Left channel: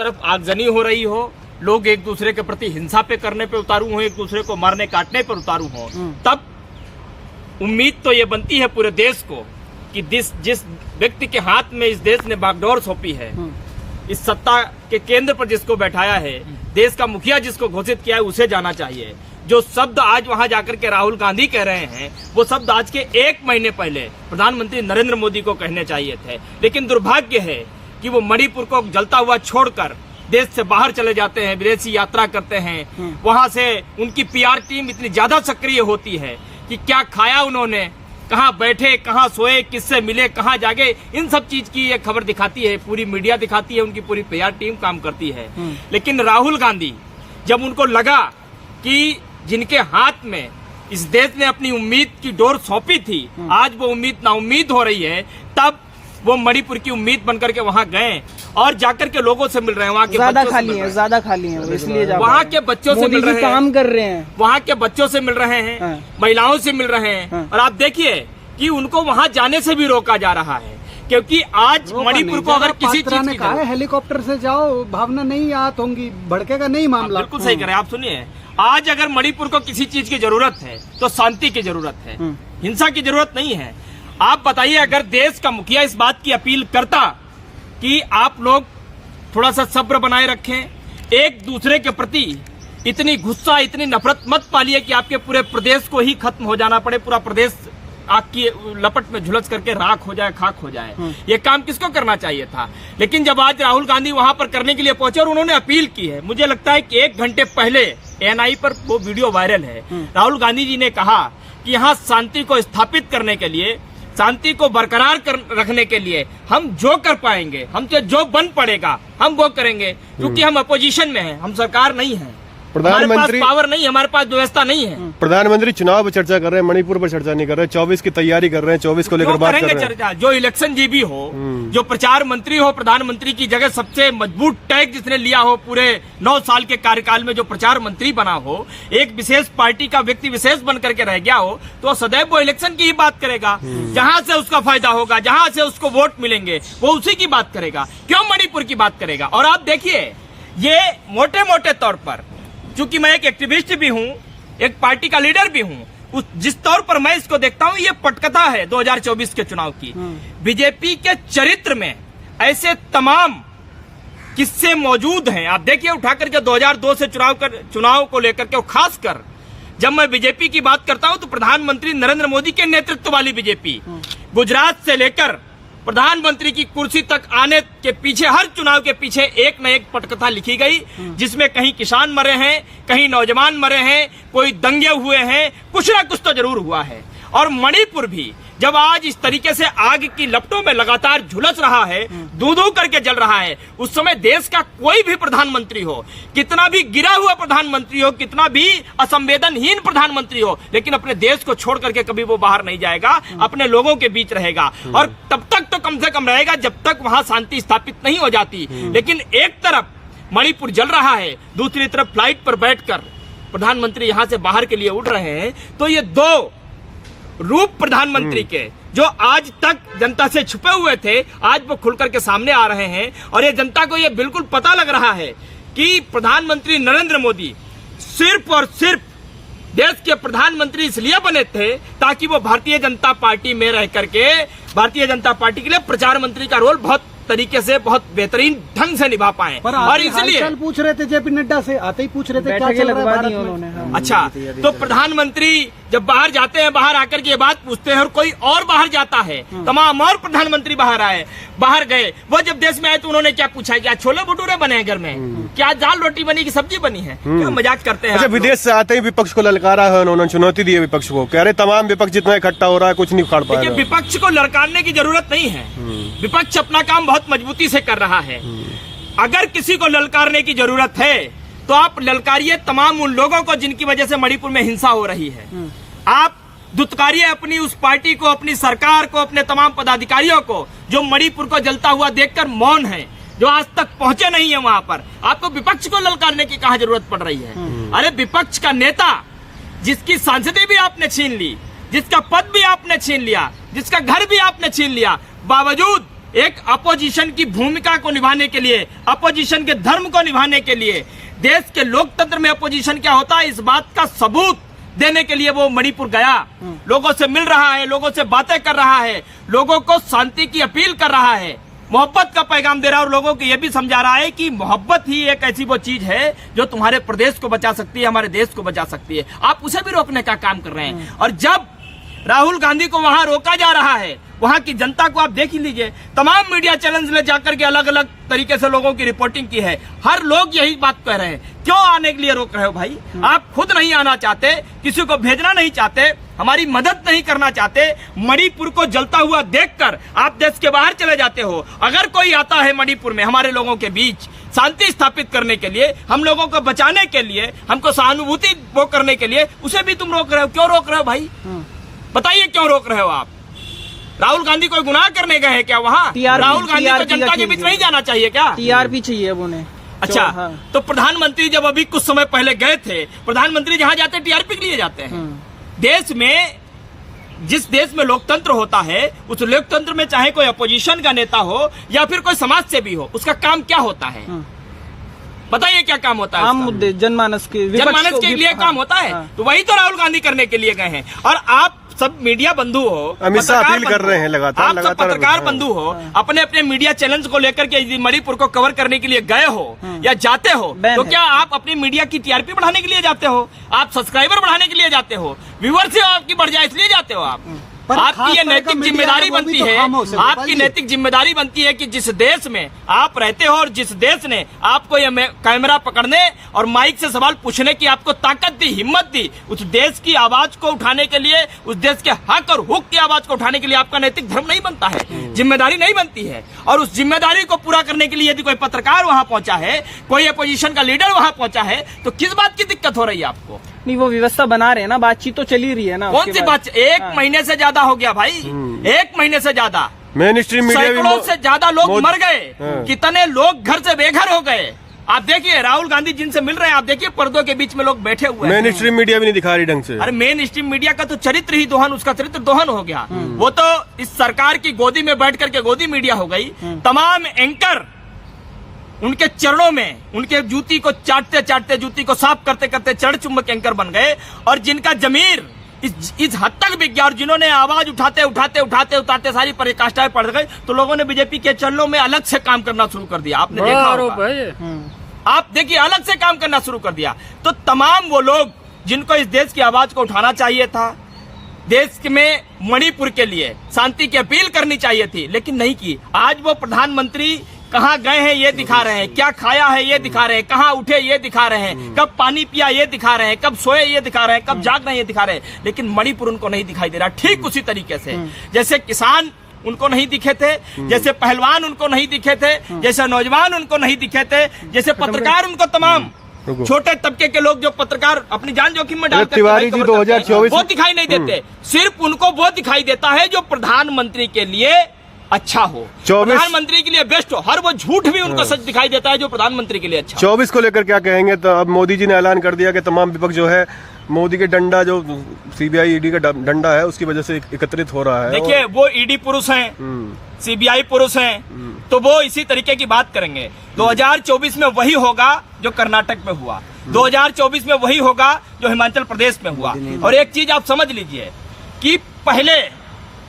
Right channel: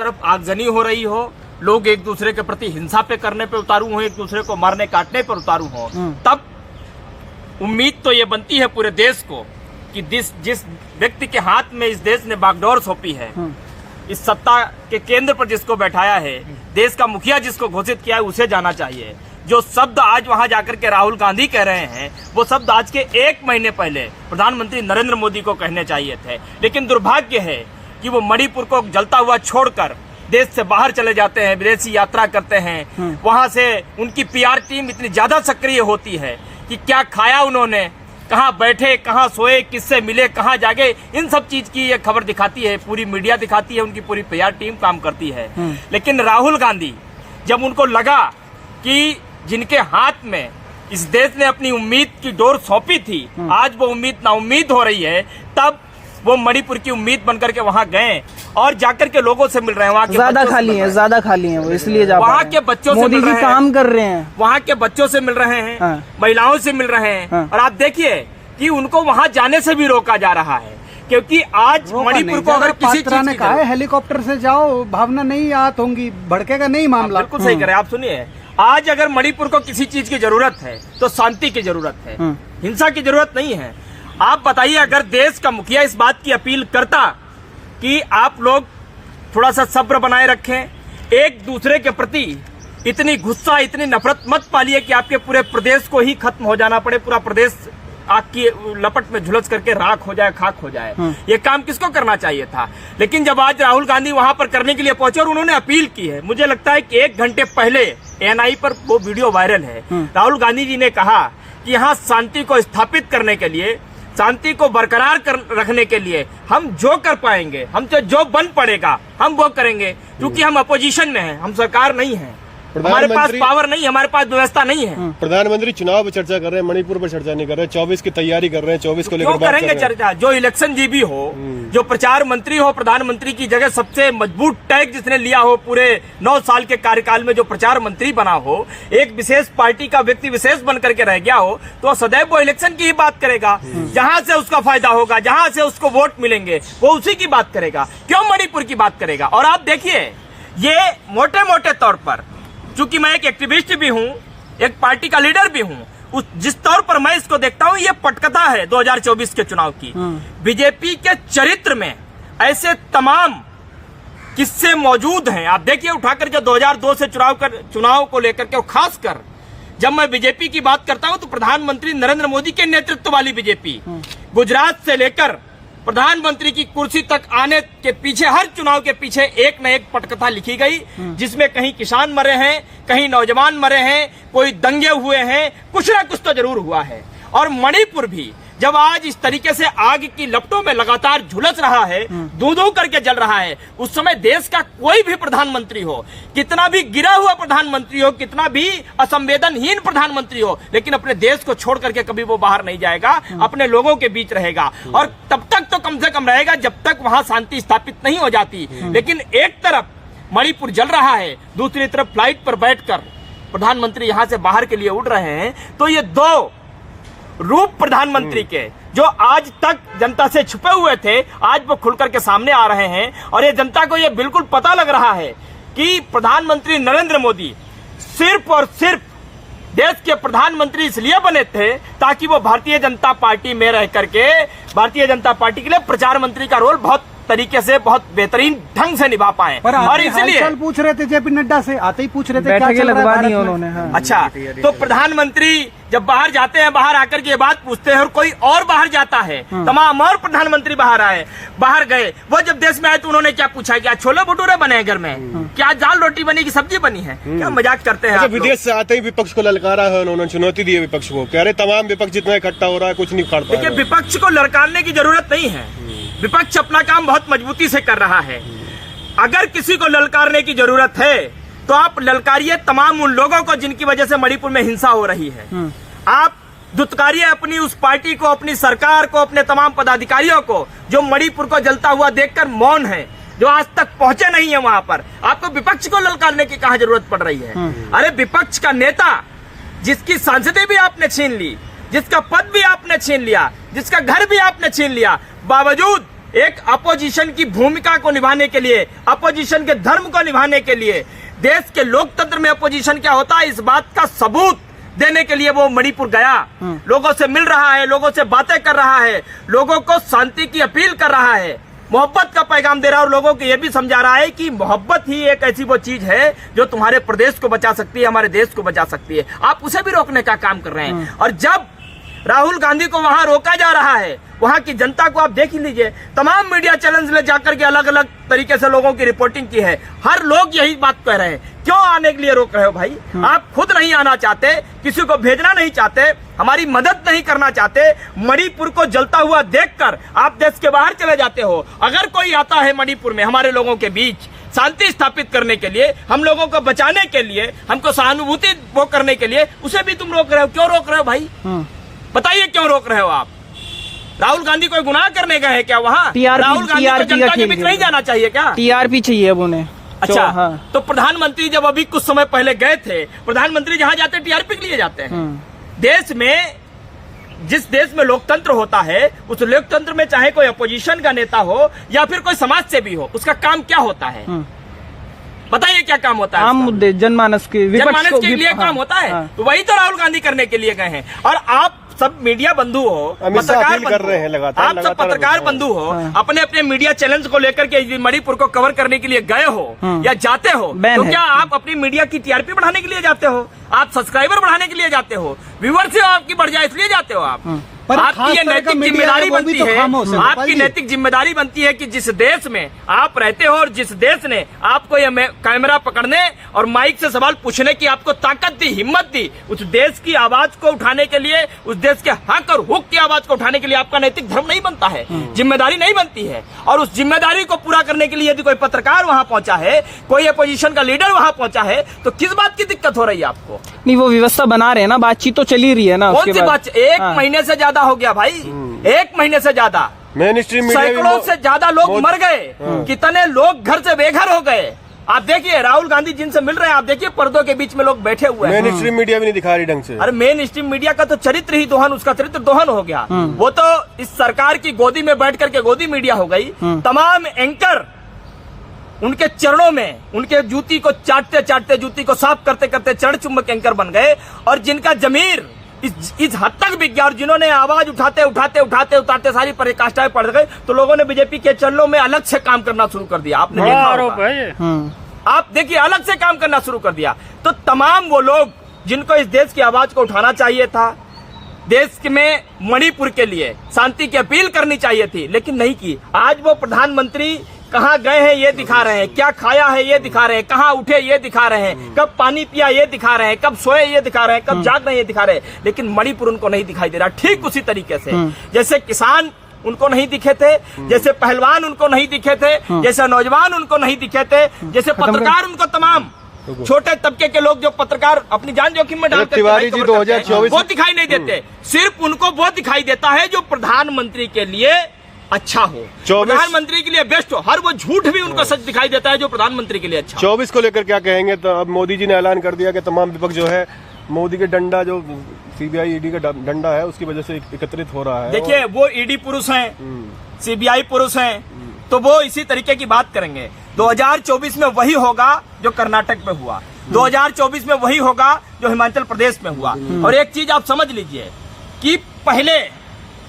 तरफ आगजनी हो रही हो, लोग एक दूसरे के प्रति हिंसा पे करने पे उतारू हो, एक दूसरे को मारने काटने पर उतारू हो, तब उम्मीद तो ये बनती है पूरे देश को कि जिस व्यक्ति के हाथ में इस देश ने बागडोर सौंपी है, इस सत्ता के केंद्र पर जिसको बैठाया है, देश का मुखिया जिसको घोषित किया है, उसे जाना चाहिए। जो शब्द आज वहां जाकर के राहुल गांधी कह रहे हैं, वो शब्द आज के 1 महीने पहले प्रधानमंत्री नरेंद्र मोदी को कहने चाहिए थे। लेकिन दुर्भाग्य है कि वो मणिपुर को जलता हुआ छोड़कर देश से बाहर चले जाते हैं, विदेशी यात्रा करते हैं। वहां से उनकी पीआर टीम इतनी ज्यादा सक्रिय होती है कि क्या खाया उन्होंने, कहाँ बैठे, कहाँ सोए, किससे मिले, कहाँ जागे, इन सब चीज की ये खबर दिखाती है, पूरी मीडिया दिखाती है, उनकी पूरी पीआर टीम काम करती है। लेकिन राहुल गांधी, जब उनको लगा कि जिनके हाथ में इस देश ने अपनी उम्मीद की डोर सौंपी थी, आज वो उम्मीद नाउम्मीद हो रही है, तब वो मणिपुर की उम्मीद बनकर के वहां गए और जाकर के लोगों से मिल रहे हैं। वहाँ के ज्यादा खाली है, इसलिए वहाँ के बच्चों से मिल रहे हैं, काम कर रहे हैं, वहाँ के बच्चों से मिल रहे हैं, महिलाओं से मिल रहे हैं। और आप देखिए कि उनको वहाँ जाने से भी रोका जा रहा है, क्योंकि आज मणिपुर को अगर किसी चीज की कहा है हेलीकॉप्टर से जाओ, भावना नहीं आत होंगी, भड़केगा नहीं मामला। बिल्कुल सही कह रहे हैं आप। सुनिए, आज अगर मणिपुर को किसी चीज की जरूरत है तो शांति की जरूरत है, हिंसा की जरूरत नहीं है। आप बताइए, अगर देश का मुखिया इस बात की अपील करता कि आप लोग थोड़ा सा सब्र बनाए रखें, एक दूसरे के प्रति इतनी गुस्सा, इतनी नफरत मत पालिए कि आपके पूरे प्रदेश को ही खत्म हो जाना पड़े, पूरा प्रदेश आग की लपट में झुलस करके राख हो जाए, खाक हो जाए। ये काम किसको करना चाहिए था? लेकिन जब आज राहुल गांधी वहां पर करने के लिए पहुंचे और उन्होंने अपील की है, मुझे लगता है कि 1 घंटे पहले एएनआई पर वो वीडियो वायरल है। राहुल गांधी जी ने कहा कि यहाँ शांति को स्थापित करने के लिए, शांति को बरकरार रखने के लिए हम जो कर पाएंगे, हमसे जो बन पड़ेगा हम वो करेंगे, क्योंकि हम अपोजिशन में हैं, हम सरकार नहीं है, हमारे पास पावर नहीं, हमारे पास व्यवस्था नहीं है। प्रधानमंत्री चुनाव पर चर्चा कर रहे हैं, मणिपुर पर चर्चा नहीं कर रहे, 24 की तैयारी कर रहे हैं, 24 को लेकर बात करेंगे चर्चा। जो इलेक्शन जीबी हो, जो प्रचार मंत्री हो, प्रधानमंत्री की जगह सबसे मजबूत टैग जिसने लिया हो, पूरे 9 साल के कार्यकाल में जो प्रचार मंत्री बना हो, एक विशेष पार्टी का व्यक्ति विशेष बन करके रह गया हो, तो सदैव वो इलेक्शन की ही बात करेगा। जहां से उसका फायदा होगा, जहां से उसको वोट मिलेंगे, वो उसी की बात करेगा, क्यों मणिपुर की बात करेगा? और आप देखिए, ये मोटे मोटे तौर पर, क्योंकि मैं एक एक्टिविस्ट भी हूं, एक पार्टी का लीडर भी हूं, जिस तौर पर मैं इसको देखता हूं, ये पटकथा है 2024 के चुनाव की। बीजेपी के चरित्र में ऐसे तमाम किस्से मौजूद हैं। आप देखिए, उठाकर के 2002 से चुनाव को लेकर के, खासकर जब मैं बीजेपी की बात करता हूं तो प्रधानमंत्री नरेंद्र मोदी के नेतृत्व वाली बीजेपी, गुजरात से लेकर प्रधानमंत्री की कुर्सी तक आने के पीछे, हर चुनाव के पीछे एक न एक पटकथा लिखी गई, जिसमें कहीं किसान मरे हैं, कहीं नौजवान मरे हैं, कोई दंगे हुए हैं, कुछ ना कुछ तो जरूर हुआ है। और मणिपुर भी जब आज इस तरीके से आग की लपटों में लगातार झुलस रहा है, दूं-दूं करके जल रहा है, उस समय देश का कोई भी प्रधानमंत्री हो, कितना भी गिरा हुआ प्रधानमंत्री हो, कितना भी असंवेदनहीन प्रधानमंत्री हो, लेकिन अपने देश को छोड़ करके कभी वो बाहर नहीं जाएगा, अपने लोगों के बीच रहेगा। और तब तक तो कम से कम रहेगा जब तक वहां शांति स्थापित नहीं हो जाती। लेकिन एक तरफ मणिपुर जल रहा है, दूसरी तरफ फ्लाइट पर बैठकर प्रधानमंत्री यहां से बाहर के लिए उड़ रहे हैं। तो ये 2 रूप प्रधानमंत्री के, जो आज तक जनता से छुपे हुए थे, आज वो खुलकर के सामने आ रहे हैं। और ये जनता को ये बिल्कुल पता लग रहा है कि प्रधानमंत्री नरेंद्र मोदी सिर्फ और सिर्फ देश के प्रधानमंत्री इसलिए बने थे ताकि वो भारतीय जनता पार्टी में रह करके भारतीय जनता पार्टी के लिए प्रचार मंत्री का रोल बहुत तरीके से, बहुत बेहतरीन ढंग से निभा पाए। और इसलिए पूछ रहे थे जेपी नड्डा से, आते ही पूछ रहे थे क्या चल रहा है उन्होंने। अच्छा, तो प्रधानमंत्री जब बाहर जाते हैं, बाहर आकर के ये बात पूछते हैं, और कोई और बाहर जाता है, तमाम और प्रधानमंत्री बाहर गए, वो जब देश में आए तो उन्होंने क्या पूछा? क्या छोले भटूरे बने हैं घर में? क्या दाल रोटी बनी की सब्जी बनी है? क्या मजाक करते हैं? विदेश से आते ही विपक्ष को ललकारा है, उन्होंने चुनौती दी है विपक्ष को, कह रहे तमाम विपक्ष जितना इकट्ठा हो रहा है कुछ नहीं उखाड़ पा रहा है। विपक्ष को ललकारने की जरूरत नहीं है, विपक्ष अपना काम बहुत मजबूती से कर रहा है। अगर किसी को ललकारने की जरूरत है तो आप ललकारिए तमाम उन लोगों को जिनकी वजह से मणिपुर में हिंसा हो रही है। आप दुत्कारिए अपनी उस पार्टी को, अपनी सरकार को, अपने तमाम पदाधिकारियों को जो मणिपुर को जलता हुआ देखकर मौन है, जो आज तक पहुंचे नहीं है वहां पर। आपको विपक्ष को ललकारने की कहां जरूरत पड़ रही है? अरे विपक्ष का नेता जिसकी सांसदें भी आपने छीन ली, जिसका पद भी आपने छीन लिया, जिसका घर भी आपने छीन लिया, बावजूद एक अपोजिशन की भूमिका को निभाने के लिए, अपोजिशन के धर्म को निभाने के लिए, देश के लोकतंत्र में अपोजिशन क्या होता है इस बात का सबूत देने के लिए वो मणिपुर गया, लोगों से मिल रहा है, लोगों से बातें कर रहा है, लोगों को शांति की अपील कर रहा है, मोहब्बत का पैगाम दे रहा है और लोगों को यह भी समझा रहा है कि मोहब्बत ही एक ऐसी वो चीज है जो तुम्हारे प्रदेश को बचा सकती है, हमारे देश को बचा सकती है। आप उसे भी रोकने का काम कर रहे हैं। और जब राहुल गांधी को वहां रोका जा रहा है, वहां की जनता को आप देख ही लीजिए, तमाम मीडिया चैनल्स ने जाकर के अलग अलग तरीके से लोगों की रिपोर्टिंग की है, हर लोग यही बात कह रहे हैं। क्यों आने के लिए रोक रहे हो भाई? आप खुद नहीं आना चाहते, किसी को भेजना नहीं चाहते, हमारी मदद नहीं करना चाहते, मणिपुर को जलता हुआ देखकर आप देश के बाहर चले जाते हो। अगर कोई आता है मणिपुर में हमारे लोगों के बीच शांति स्थापित करने के लिए, हम लोगों को बचाने के लिए, हमको सहानुभूति वो करने के लिए, उसे भी तुम रोक रहे हो। क्यों रोक रहे हो भाई? बताइए क्यों रोक रहे हो आप? राहुल गांधी कोई गुनाह करने गए हैं क्या वहाँ? राहुल गांधी को जनता के बीच नहीं जाना चाहिए क्या? टीआरपी चाहिए अब उन्हें। अच्छा, हाँ। तो प्रधानमंत्री जब अभी कुछ समय पहले गए थे, प्रधानमंत्री जहाँ जाते हैं टीआरपी के लिए जाते हैं। देश में, जिस देश में लोकतंत्र होता है, उस लोकतंत्र में चाहे कोई अपोजिशन का नेता हो या फिर कोई समाज सेवी हो, उसका काम क्या होता है? बताइए क्या काम होता है? आम मुद्दे, जनमानस के लिए काम होता है। तो वही तो राहुल गांधी करने के लिए गए हैं। और आप सब मीडिया बंधु हो, पत्रकार कर रहे हैं लगातार, आप सब पत्रकार बंधु हो, अपने अपने मीडिया चैनल्स को लेकर के मणिपुर को कवर करने के लिए गए हो या जाते हो, तो क्या आप अपनी मीडिया की टीआरपी बढ़ाने के लिए जाते हो? आप सब्सक्राइबर बढ़ाने के लिए जाते हो? व्यूअरशिप आपकी बढ़ जाए इसलिए जाते हो आप? आपकी ये नैतिक जिम्मेदारी बनती है, आपकी नैतिक जिम्मेदारी बनती है कि जिस देश में आप रहते हो और जिस देश ने आपको ये कैमरा पकड़ने और माइक से सवाल पूछने की आपको ताकत दी, हिम्मत दी, उस देश की आवाज को उठाने के लिए, उस देश के हक और हुक की आवाज को उठाने के लिए आपका नैतिक धर्म नहीं बनता है, जिम्मेदारी नहीं बनती है। और उस जिम्मेदारी को पूरा करने के लिए यदि कोई पत्रकार वहां पहुंचा है, कोई अपोजिशन का लीडर वहां पहुंचा है, तो किस बात की दिक्कत हो रही है आपको? नहीं, वो व्यवस्था बना रहे हैं ना, बातचीत तो चली रही है ना। कौन सी बात? एक महीने से ज्यादा हो गया भाई, एक महीने से ज्यादा, मेन स्ट्रीम सैकड़ों से ज्यादा लोग मर गए, कितने लोग घर से बेघर हो गए। आप देखिए राहुल गांधी जिनसे मिल रहे हैं, आप देखिए पर्दों के बीच में लोग बैठे हुए हैं। मेन स्ट्रीम मीडिया भी नहीं दिखा रही ढंग से। अरे मेन स्ट्रीम मीडिया का तो चरित्र ही दोहन, उसका चरित्र दोहन हो गया। वो तो इस सरकार की गोदी में बैठ करके गोदी मीडिया हो गई। तमाम एंकर उनके चरणों में, उनके जूती को चाटते चाटते, जूती को साफ करते करते चरण चुंबक एंकर बन गए। और जिनका जमीर इस हद तक बिक गया और जिन्होंने आवाज उठाते उठाते उठाते उठाते सारी पराकाष्ठाएं पड़ गई, तो लोगों ने बीजेपी के चरणों में अलग से काम करना शुरू कर दिया। आपने देखा होगा, आप देखिए अलग से काम करना शुरू कर दिया। तो तमाम वो लोग जिनको इस देश की आवाज को उठाना चाहिए था, देश में मणिपुर के लिए शांति की अपील करनी चाहिए थी, लेकिन नहीं की। आज वो प्रधानमंत्री कहाँ गए हैं ये दिखा रहे हैं, क्या खाया है ये दिखा रहे हैं, कहाँ उठे ये दिखा रहे हैं, कब पानी पिया ये दिखा रहे हैं, कब सोए ये दिखा रहे हैं, कब जाग रहे हैं ये दिखा रहे हैं, लेकिन मणिपुर उनको नहीं दिखाई दे रहा। ठीक उसी तरीके से जैसे किसान उनको नहीं दिखे थे, जैसे पहलवान उनको नहीं दिखे थे, जैसे नौजवान उनको नहीं दिखे थे, जैसे पत्रकार उनको तमाम छोटे तबके के लोग जो पत्रकार अपनी जान जोखिम में डालते हैं वो दिखाई नहीं देते। सिर्फ उनको वो दिखाई देता है जो प्रधानमंत्री के लिए अच्छा हो, प्रधानमंत्री के लिए बेस्ट हो। हर वो झूठ भी उनको सच दिखाई देता है जो प्रधानमंत्री के लिए अच्छा। 24 को लेकर क्या कहेंगे? तो अब मोदी जी ने ऐलान कर दिया कि तमाम विपक्ष जो है मोदी के डंडा, जो सीबीआई ईडी का डंडा है, उसकी वजह से एकत्रित हो रहा है। देखिए वो ईडी पुरुष हैं, सीबीआई पुरुष हैं, तो वो इसी तरीके की बात करेंगे। 2024 में वही होगा जो कर्नाटक में हुआ, 2024 में वही होगा जो हिमाचल प्रदेश में हुआ। और एक चीज आप समझ लीजिए कि पहले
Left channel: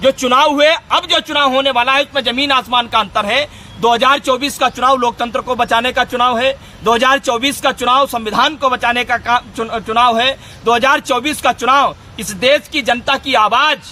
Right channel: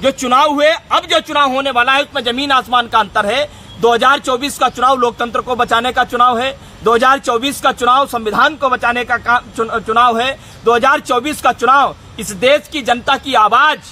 जो चुनाव हुए, अब जो चुनाव होने वाला है, उसमें जमीन आसमान का अंतर है। 2024 का चुनाव लोकतंत्र को बचाने का चुनाव है, 2024 का चुनाव संविधान को बचाने का चुनाव है, 2024 का चुनाव इस देश की जनता की आवाज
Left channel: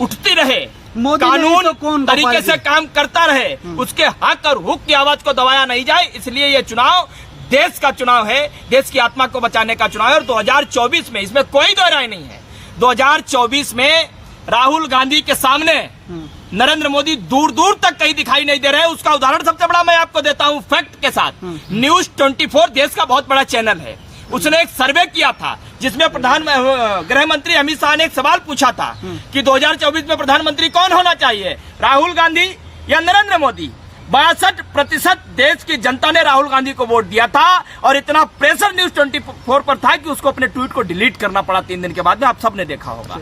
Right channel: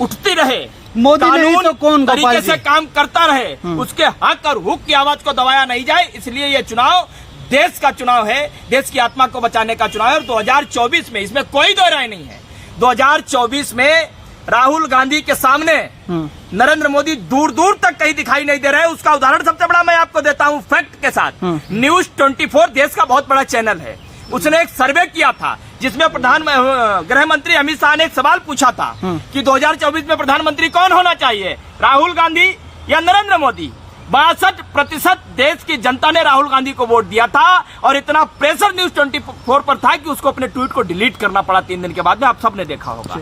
उठती रहे, कानून तरीके से काम करता रहे, उसके हक और हुक की आवाज को दबाया नहीं जाए। इसलिए ये चुनाव देश का चुनाव है, देश की आत्मा को बचाने का चुनाव है। और 2024 में इसमें कोई दो राय नहीं है। 2024 में राहुल गांधी के सामने नरेंद्र मोदी दूर दूर तक कहीं दिखाई नहीं दे रहे हैं। उसका उदाहरण सबसे बड़ा मैं आपको देता हूं फैक्ट के साथ। न्यूज 24 देश का बहुत बड़ा चैनल है, उसने एक सर्वे किया था जिसमें गृह मंत्री अमित शाह ने एक सवाल पूछा था कि 2024 में प्रधानमंत्री कौन होना चाहिए, राहुल गांधी या नरेंद्र मोदी। 62% देश की जनता ने राहुल गांधी को वोट दिया था और इतना प्रेशर न्यूज 24 पर था कि उसको अपने ट्वीट को डिलीट करना पड़ा 3 दिन के बाद में। आप सबने देखा होगा।